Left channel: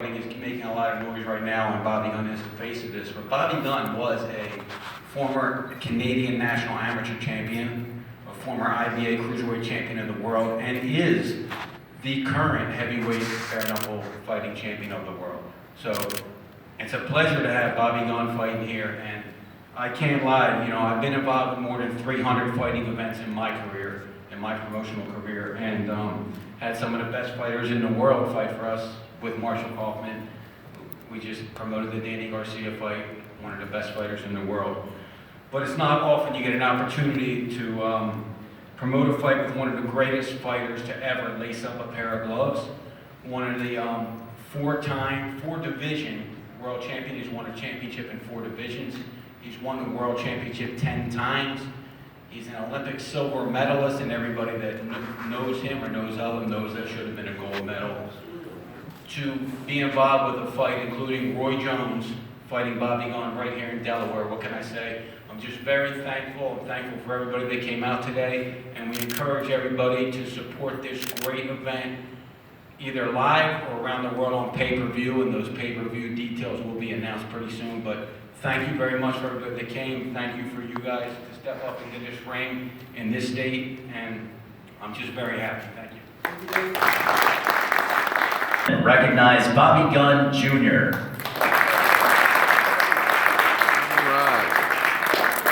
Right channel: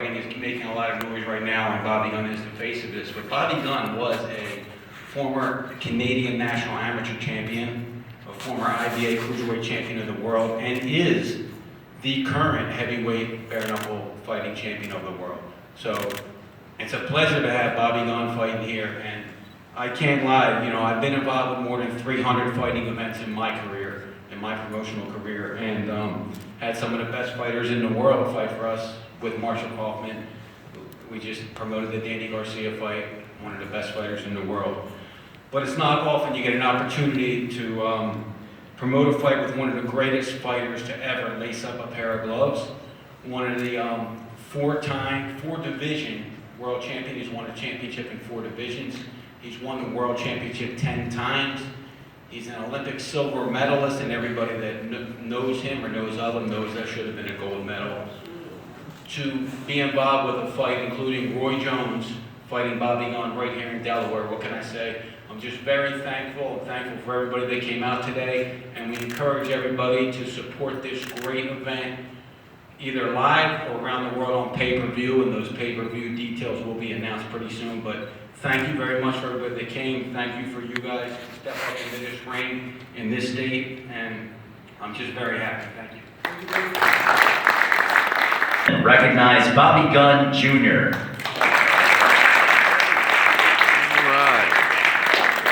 Is making a lot of noise right now, and Bobby Gunn is the face of this. But Bobby Gunn was a former Canadian national amateur champion, a former IBA cruiserweight champion of the world, and is the current heavyweight bare knuckle fighting champion of the world. So it's a pleasure to have Bobby Gunn fighting here, and I can't lie, you know, I've been involved in more than 300 fighting events in my career, in my promotional career, and had some of the best fighters in the world fight for us. With Marshall Kaufman, we just promoted the Danny Garcia fight, one of the best fighters in the world. But it's not often you get an opportunity to promote a fight with one of the greatest fighters to ever lace up a pair of gloves. One of the four division world champion. He's won a championship in 4 divisions. He's won the world championship 10 times. He's an Olympic silver medalist, and everybody that knows him or knows of him knows that should have been a gold medal. To be involved with a fight, including Roy Jones fighting Bobby Gunn right here in Delaware. What can I say? I'm just very thankful. I'm thankful for everybody that came out today, and we encourage everybody to support this great event, either live or around the world on pay-per-view, and those pay-per-view details will be announced pretty soon. But thank you very much for everybody that came. Thank you for you guys to step up into this ring in this state, and I'm just very happy. Thank you. Recognize Bobby Gunn Jr.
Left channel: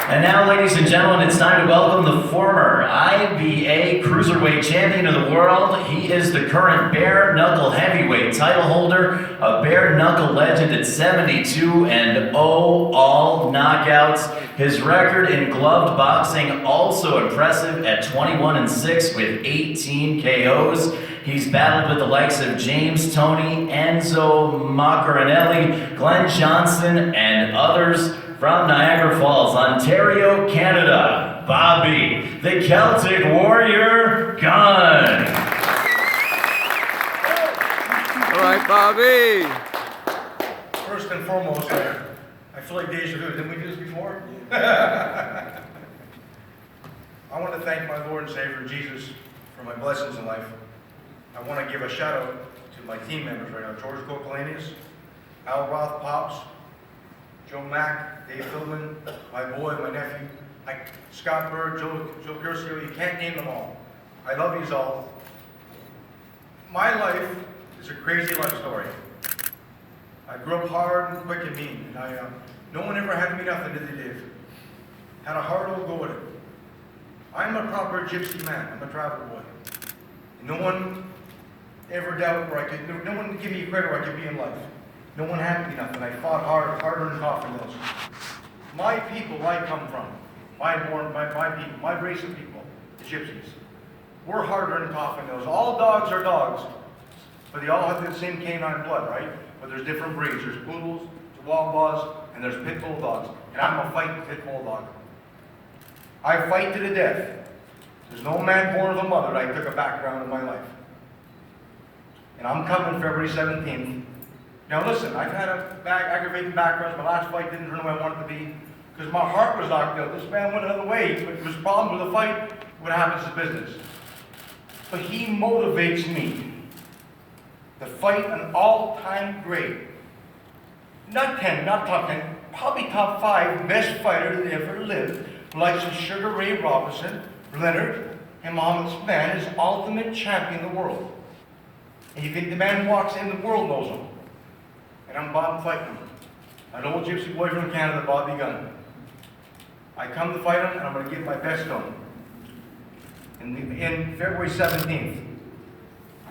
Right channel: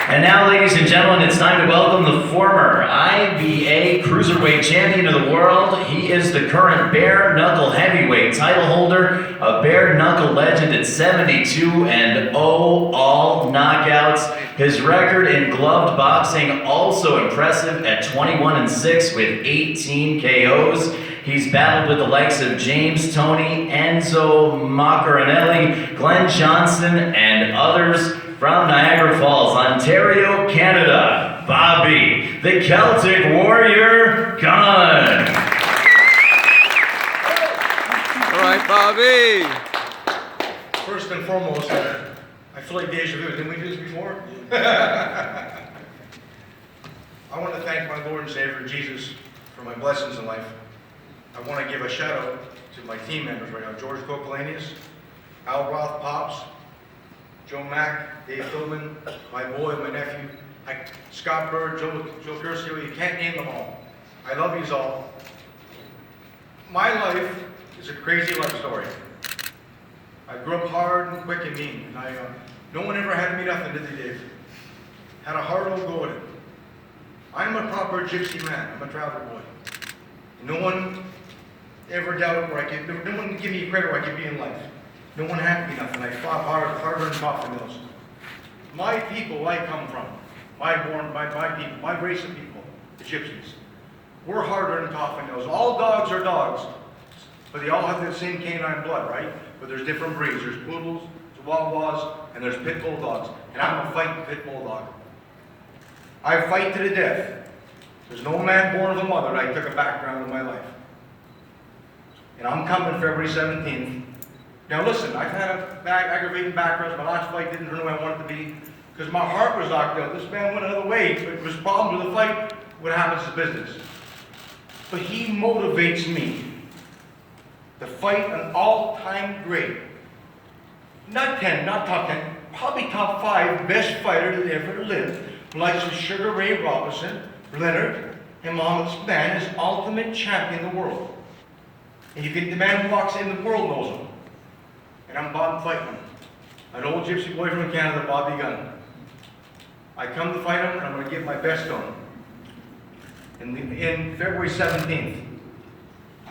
And now, ladies and gentlemen, it's time to welcome the former IBA Cruiserweight Champion of the world. He is the current bare knuckle heavyweight title holder, a bare knuckle legend at 72 and all knockouts. His record in gloved boxing also impressive at 21-6 with 18 KOs. He's battled with the likes of James Toney, Enzo Maccarinelli, Glenn Johnson, and others. From Niagara Falls, Ontario, Canada, Bobby, the Celtic Warrior Gunn. All right, Bobby. First and foremost, I feel like deja vu. Didn't we do this before? I want to thank my Lord and Savior, Jesus, for my blessings in life. I want to give a shout out to my team members right now, George Kokalanius, Al Roth Pops, Joe Mack, Dave Philbin, my boy, my nephew, Scott Bird, Joe Curcio. You can't name them all. I love yous all. My life is a crazy life story. I grew up hard and quick and mean, and no one ever had me nothing, did they, Dave? Had a hard old go at it. I'm a proper gypsy man. I'm a travel boy. And no one ever doubted where I could. No one give me credit where I could be in life. No one had me nothing. I fought harder than coffin mills. My people I come from, my people, my race of people, the gypsies, we're harder than coffin mills. All dogs are dogs, but they all have the same canine blood, right? But there's different breeds. There's poodles, there's Chihuahuas, and there's pit bull dogs. And I'm a fighting pit bull dog. I fight to the death. There's no man born of a mother that I took a background in my life. And I'm coming February 17th. Now listen, I've had aggravating backgrounds. My last fight didn't turn the way I wanted it to be because my heart was knocked out. This man went another way. It was problems with the fight. What happens is business. But he motivates me to fight an all-time great. Not 10, not top 10, probably top 5 best fighter that ever lived. The likes of Sugar Ray Robinson, Leonard, and Muhammad Usman is ultimate champion of the world. And you think the man who walks in, the world knows him. And I'm Bob fighting him. An old gypsy boy from Canada, Bobby Gunn. I come to fight him, and I'm going to give my best to him. In February 17th,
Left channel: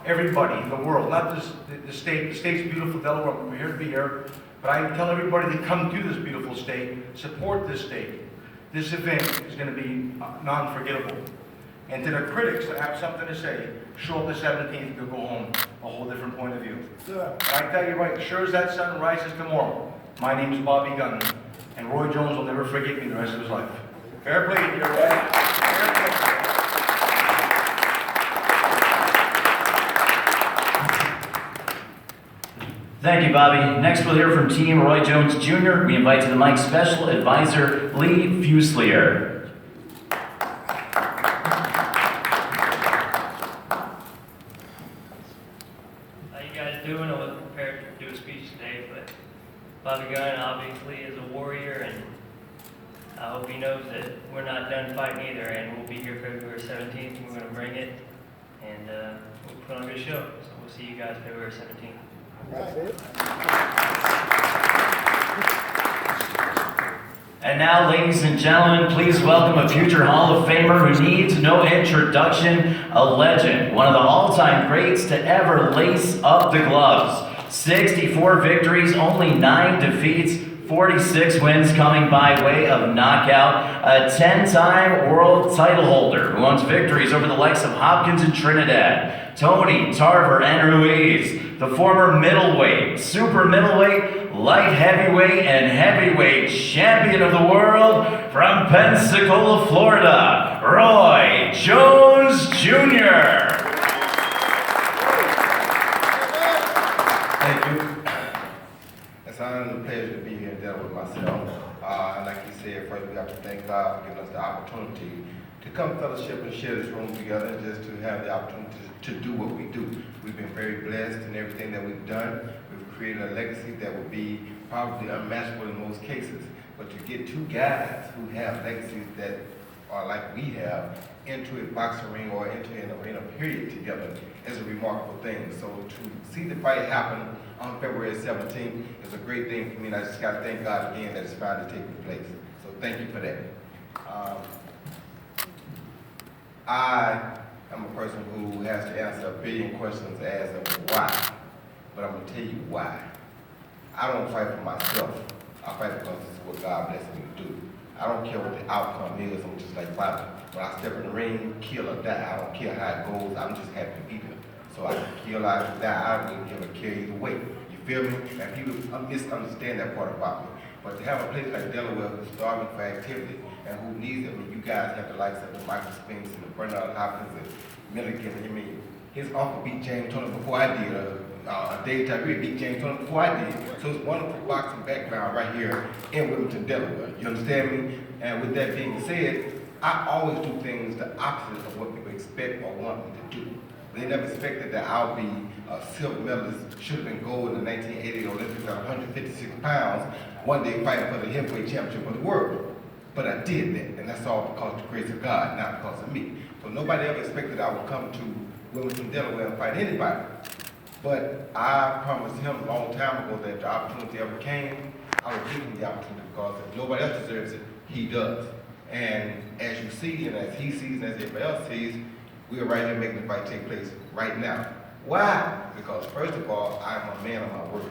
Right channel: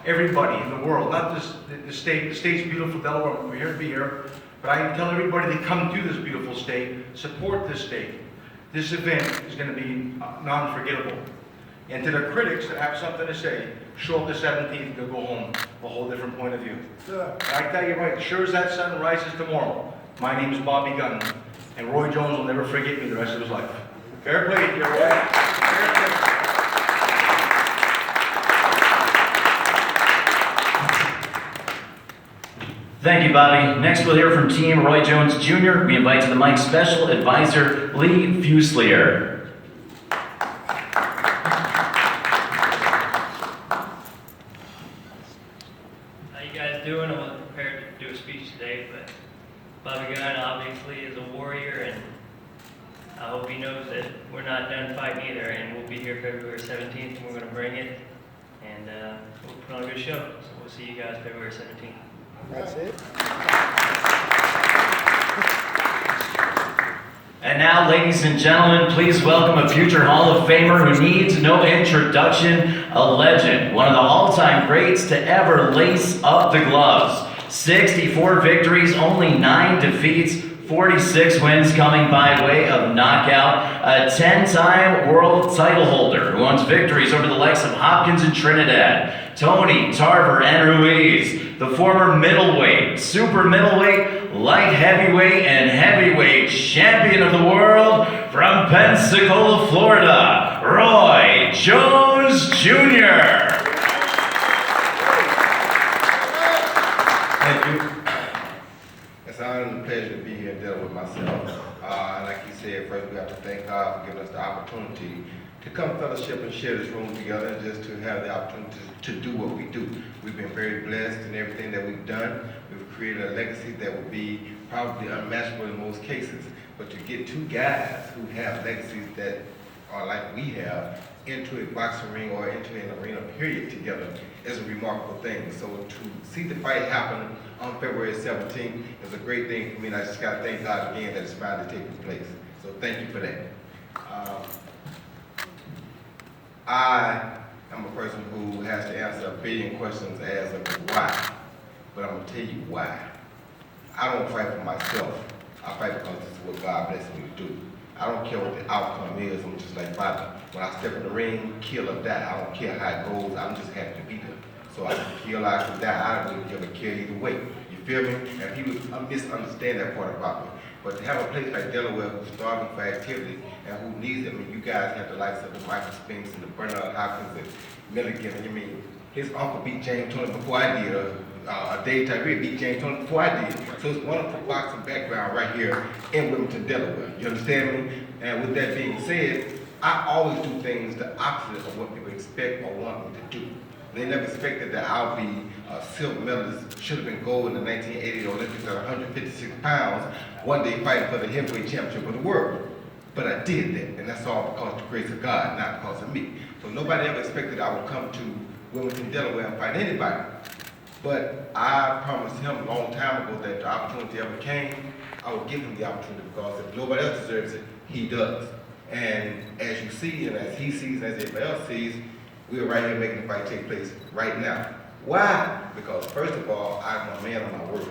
everybody in the world, not just the state's beautiful Delaware, we're here to be here, but I tell everybody to come to this beautiful state, support this state. This event is going to be non-forgettable. And to the critics that have something to say, show up the 17th and go home a whole different point of view. And I tell you right, sure as that sun rises tomorrow, my name is Bobby Gunn, and Roy Jones will never forget me the rest of his life. Fair play to you, Roy. Fair play. Thank you, Bobby. Next, we'll hear from Team Roy Jones Jr. We invite to the mic Special Advisor Lee Fuselier. How you guys doing? I wasn't prepared to do Bobby Gunn obviously is a warrior, and I hope he knows that we're not done fighting either, and we'll be here February 17th, and we're going to bring it, and we'll put on a good show. So we'll see you guys February 17th. That's it. And now, ladies and gentlemen, please welcome a future Hall of Famer who needs no introduction, a legend, one of the all-time greats to ever lace up the gloves. 64 victories, only 9 defeats, 46 wins coming by way of knockout, a 10-time world title holder who owns victories over the likes of Hopkins and Trinidad, Tony, Tarver, and Ruiz, the former middleweight, super middleweight, light heavyweight, and heavyweight champion of the world from Pensacola, Florida, Roy Jones Jr. Thank you. It's an honor and a pleasure to be here and deal with myself. And like you said, first we have to thank God for giving us the opportunity to come fellowship and share this room together, and just to have the opportunity to do what we do. We've been very blessed in everything that we've done. We've created a legacy that will be probably unmatchable in most cases. But to get two guys who have legacies that are like we have into a boxing ring or into an arena period together is a remarkable thing. So to see the fight happen on February 17th is a great thing for me, and I just gotta thank God again that it's finally taking place. So thank you for that. I am a person who has to answer a billion questions as of why, but I'm gonna tell you why. I don't fight for myself. I fight because this is what God blessed me to do. I don't care what the outcome is. I'm just like Bobby. When I step in the ring, kill or die, I don't care how it goes. I'm just happy to be there. So I can kill, I can die. I don't really care either way. You feel me? And people misunderstand that part about me. But to have a place like Delaware who's starving for activity and who needs it, I mean, you guys have the likes of the Michael Spinks and the Bernard Hopkins and Milligan. I mean, his uncle beat James Turner before I did. Dave Tyree beat James Turner before I did. So it's wonderful boxing background right here in Wilmington, Delaware. You understand me? And with that being said, I always do things the opposite of what people expect or want me to do. They never expected that I'll be a silver medalist, should have been gold in the 1980 Olympics at 156 pounds, one day fighting for the heavyweight championship of the world. But I did that, and that's all because of the grace of God, not because of me. So nobody ever expected I would come to Wilmington, Delaware and fight anybody. But I promised him a long time ago that the opportunity ever came, I would give him the opportunity, because if nobody else deserves it, he does. And as you see, and as he sees, and as everybody else sees, we're right here making the fight take place right now. Why? Because first of all, I'm a man of my word.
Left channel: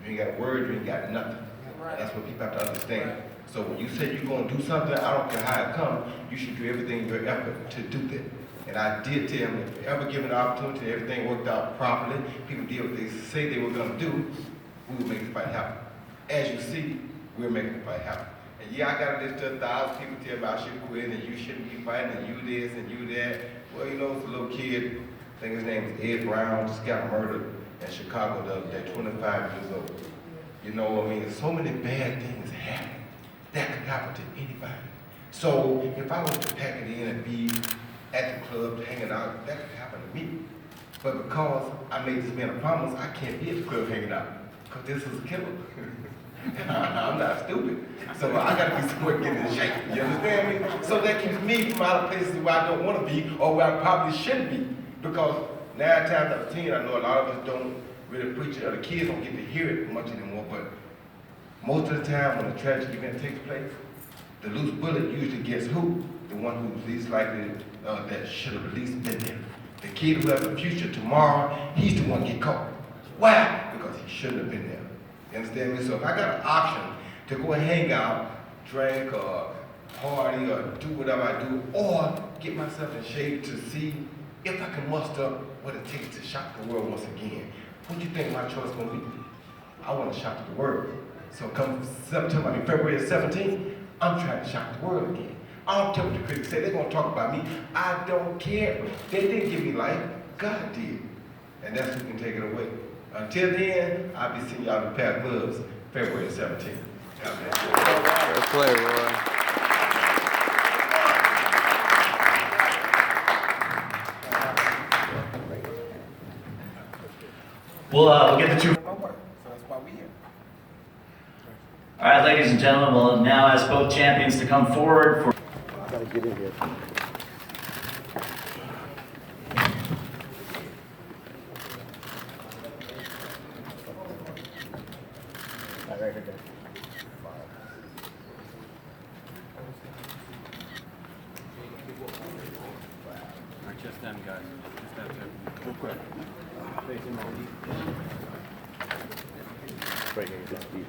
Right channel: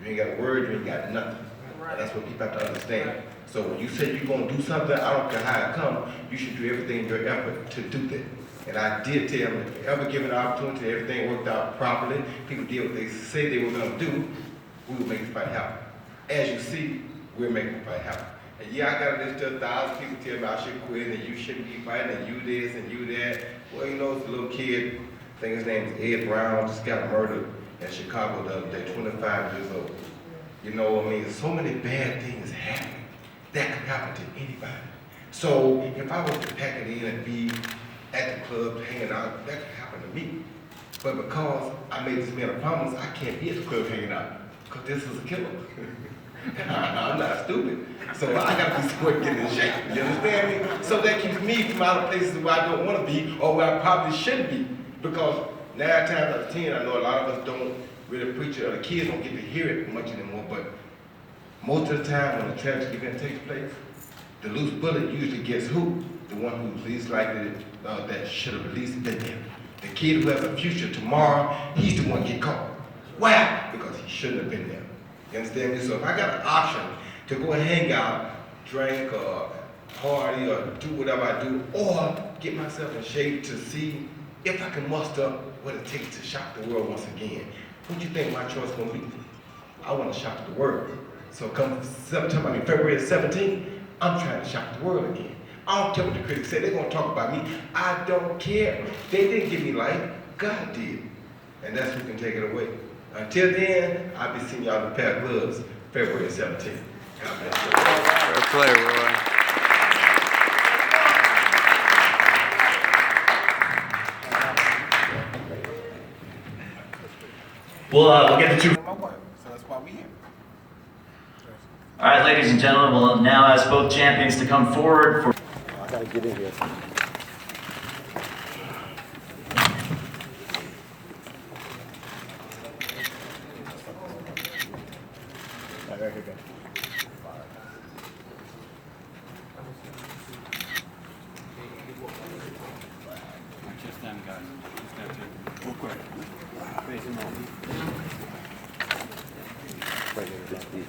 You ain't got a word, you ain't got nothing. And that's what people have to understand. So when you say you're gonna do something, I don't care how it comes, you should do everything in your effort to do that. And I did tell him, if ever given an opportunity, everything worked out properly, people did what they said they were gonna do, we will make the fight happen. As you see, we're making the fight happen. And yeah, I got this to 1,000 people tell me I should quit, and you shouldn't be fighting, and you this and you that. Well, you know, it's a little kid, I think his name is Ed Brown, just got murdered in Chicago the other day, 25 years old. You know what I mean? So many bad things happen. That could happen to anybody. So if I was to pack it in and be at the club hanging out, that could happen to me. But because I made this man a promise, I can't be at the club hanging out, because this is a killer. I'm not stupid. So I gotta be somewhere getting in shape. You understand me? So that keeps me from out of places where I don't want to be, or where I probably shouldn't be. Because 9 times out of 10, I know a lot of us don't really preach it, or the kids don't get to hear it much anymore, but most of the time when a tragic event takes place, the loose bullet usually gets who? The one who's least likely that should have at least been there. The kid who has a future tomorrow, he's the one get caught. Why? Because he shouldn't have been there. You understand me? So if I got an option to go and hang out, drink, or party, or do whatever I do, or get myself in shape to see if I can muster what it takes to shock the world once again, what do you think my choice gonna be? I want to shock the world. So come February 17th, I'm trying to shock the world again. I don't care what the critics say, they're gonna talk about me. I don't care. They didn't give me life, God did. And that's who can take it away. Until then, I'll be seeing y'all in the pair of gloves February 17th. God bless you. Fair play, Roy. We'll get the two. So that's why we here. All right, ladies and gentlemen, we'll now ask both champions to come forward for. I gotta get in here. All right, here we go. Just them guys. Just them two. Okay. Facing on. Right here, just these.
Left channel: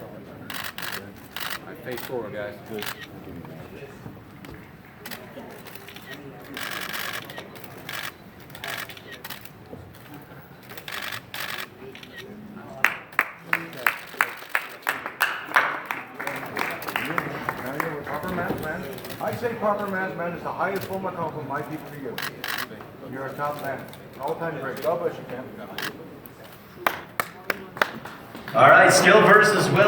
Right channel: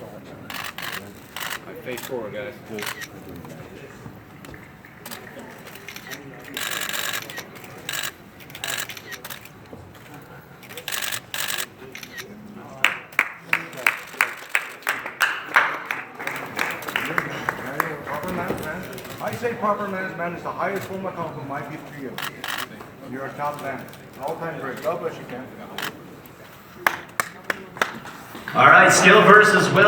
All right, face forward, guys. Proper man's man. I say proper man's man is the highest form of compliment my people for you. You're a top man. An all-time great. God bless you, Ken. All right, skill versus will.